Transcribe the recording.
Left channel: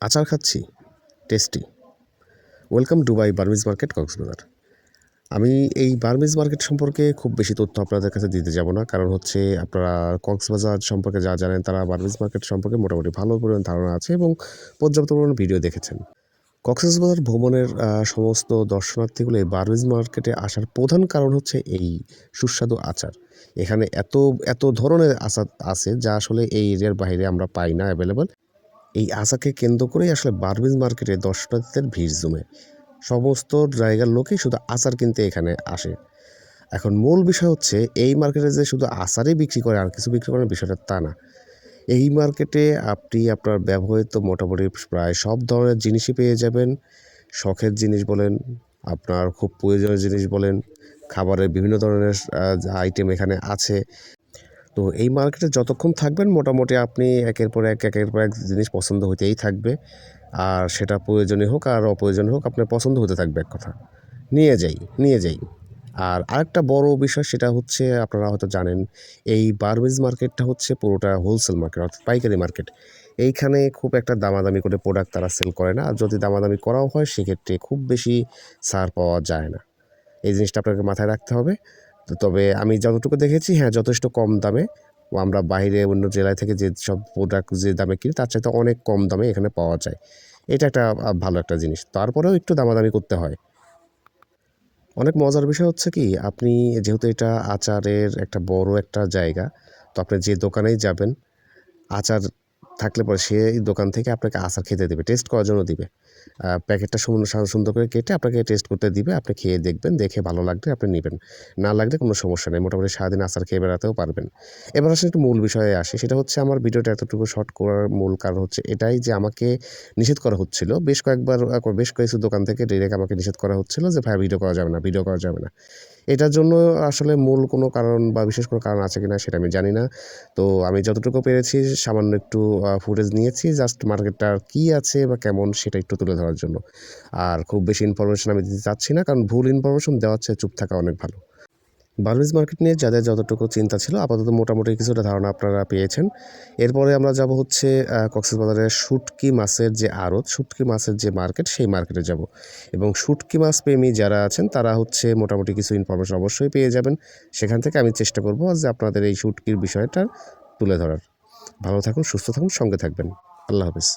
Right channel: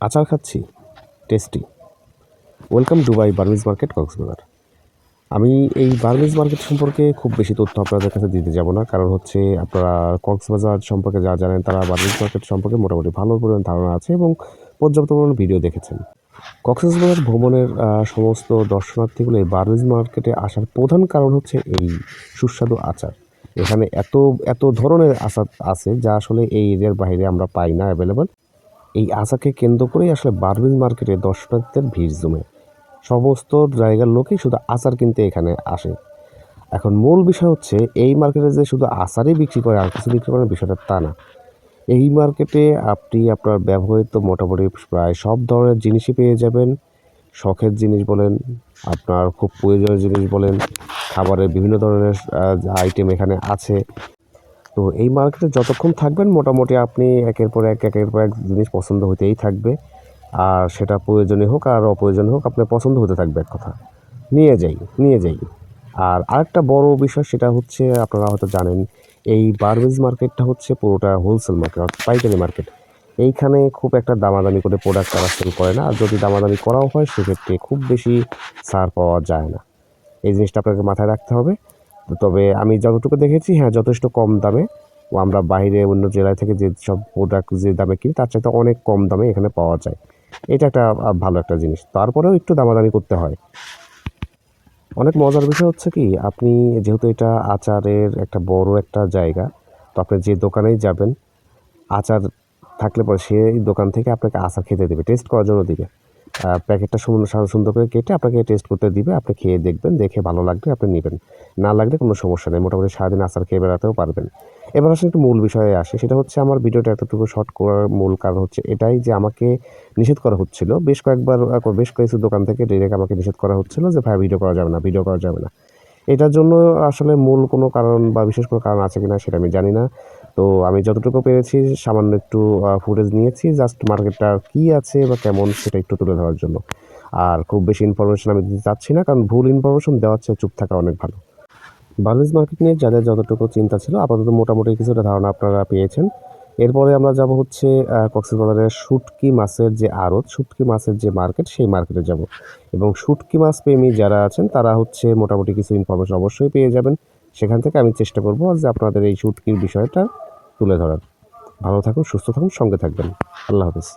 আচার খাচ্ছি, tasty. Welcome Dubai Burmese market Cox's Bazar. আমি এই বার্মিজ মার্কেট সম্পর্কে খুব বেশি তথ্য আপনাদের কাছে দিতে যাব না, কারণ হচ্ছে আপনারা কক্সবাজার সম্পর্কে যা জানেন তারা বার্মিজ মার্কেট সম্পর্কে মোটামুটি ভালো পরিমাণ ধারণা আছে এবং পর্যাপ্ত পরিমাণ ভিডিও দেখেছেন। কক্সবাজার ভ্রমণের সমস্ত দর্শনার্থীগুলো এই বার্মিজ মার্কেটে আসার প্রধান কারণ হচ্ছে এই সুস্বাদু আচার। এখানে এত এত ধরনের আচার আছে যা আসলে এই এরিয়ার বাইরে আমরা পাই না অ্যাভেলেবল। এই আচারকে কেন্দ্র করেই আসলে বার্মিজ মার্কেটে দর্শনার্থীদের ভিড় জমে। সমস্ত জায়গার লোকই শুধু আচার কিনতে এখানে আসে। এখন মূল বিষয় হচ্ছে এই মার্কেটে যে শুধু আচারই বিক্রি করে আর কিছু বিক্রি করে বিষয়টা তা না। এই মার্কেটে আপনি আপনার ব্যবহৃত মোটামুটি প্রায় সব ধরনের জিনিসই পেয়ে যাবেন। শখের জিনিস বলেন, আপনার খুব প্রয়োজনীয় জিনিস বলেন, খাবারের বিভিন্ন ধরনের আইটেম এখানে আছে। তো এই মার্কেটে যতক্ষণ থাকবেন মোটামুটি আপনি একের পর এক জিনিস পছন্দ হতেই থাকবে। আর সেটা প্রয়োজনীয় হোক আর অপ্রয়োজনীয় হোক আপনার পছন্দ হতে থাকবে এক কথা। নিয়ে যাই। আর আরেকটা বড় বিষয় সেটা হচ্ছে আপনারা হয়তো জানেন এই বার্মিজ মার্কেটটা হচ্ছে পুরোটা হোলসেল মার্কেট অর্থাৎ পাইকারি মার্কেট। এইখানে খুব একটা দামাদামি করে প্রোডাক্ট তারা সেল করে না। আর যদি দামাদামি করাও হয় সেক্ষেত্রে খুব বেশি ছাড় পাওয়া যায় না। এই জিনিসটা আপনাকে মাথায় রাখতে হবে। তবে আমি যতটুকু দেখেছি যথেষ্ট কম দামে আমরা বাইরে অন্য জেলায় থেকে যে সব প্রোডাক্ট যে দামে কিনি তার চাইতে অনেক কম দামে এখানে পাওয়া যায়। এটা একটা ভালো একটা জিনিস। তারপরেও একটু দামাদামি করতে হয়। অনেক মজার বিষয় হচ্ছে কি আপনি যেহেতু এটা আচারের একটা বড় একটা জায়গা, তো আপনি যে দোকানেই যাবেন আচার থাকলে পরে সেই দোকান থেকে আপনাকে আচার খেতে দেবে, টেস্ট করার জন্য দিবে। প্যাকেটটা সুন্দর করে কেটে আপনাকে টেস্ট করতে দিবে। আপনি খেয়ে দেখবেন, দেখে ভালো লাগলে আপনি নিবেন। না লাগলে কোনো সমস্যা নেই। মোটামুটি সারাদিন আচার খেয়ে বেড়াতেও পারবেন। এবার আসলে একটু মূল বিষয়ে আসি। সেটা হচ্ছে আমার ভিডিওটা এতটুকু শর্ট করার মূল কারণ হচ্ছে এটাই যে আমাকে নিষেধ করা হচ্ছিল। বেশ কিছু দোকান থেকে ডিরেক্ট আমাকে নিষেধ করা হচ্ছিল যে ভাই ভিডিও করা যাবে না। এটার জন্য আসলে মূল কোনো কারণ বা বিশেষ কোনো কারণ আছে কিনা সেটা আমি জানি না। তো আমি যতটুকু পেরেছি সামান্য একটু ফুটেজ নিয়েছি জাস্ট মার্কেটটার কী আছে বা কেমন সেটা একটু তুলে ধরার জন্য। আর খুব বেশি ইনফরমেশন আমি দিতে চাচ্ছি না, কারণ ভুল ইনফরমেশন দেওয়ার চেয়ে চুপ থাকা অনেক ভালো। বার্মিজ মার্কেট নিয়ে যাদের যতটুকু চিন্তা ছিল আপাতত মোটামুটি কিছুটা ধারণা আপনারা পেয়েছেন। এরপরে আমরা যাব হচ্ছে কক্সবাজারের শুটকি মাছের যে আড়ত, শুটকি মাছের যে মার্কেট সেই মার্কেটে যাব। এবং শুটকি মাছ প্রেমী যারা আছেন তারা হচ্ছে মোটামুটি কিছু ইনফরমেশন অবশ্যই পেয়ে যাবেন। সেখান থেকে আমি চেষ্টা করব যে আপনাদের এই শুটকির বিষয়টা তুলে ধরার। ভালো থাকুন, সুস্থ থাকুন, সঙ্গে থাকবেন। আল্লাহ হাফেজ।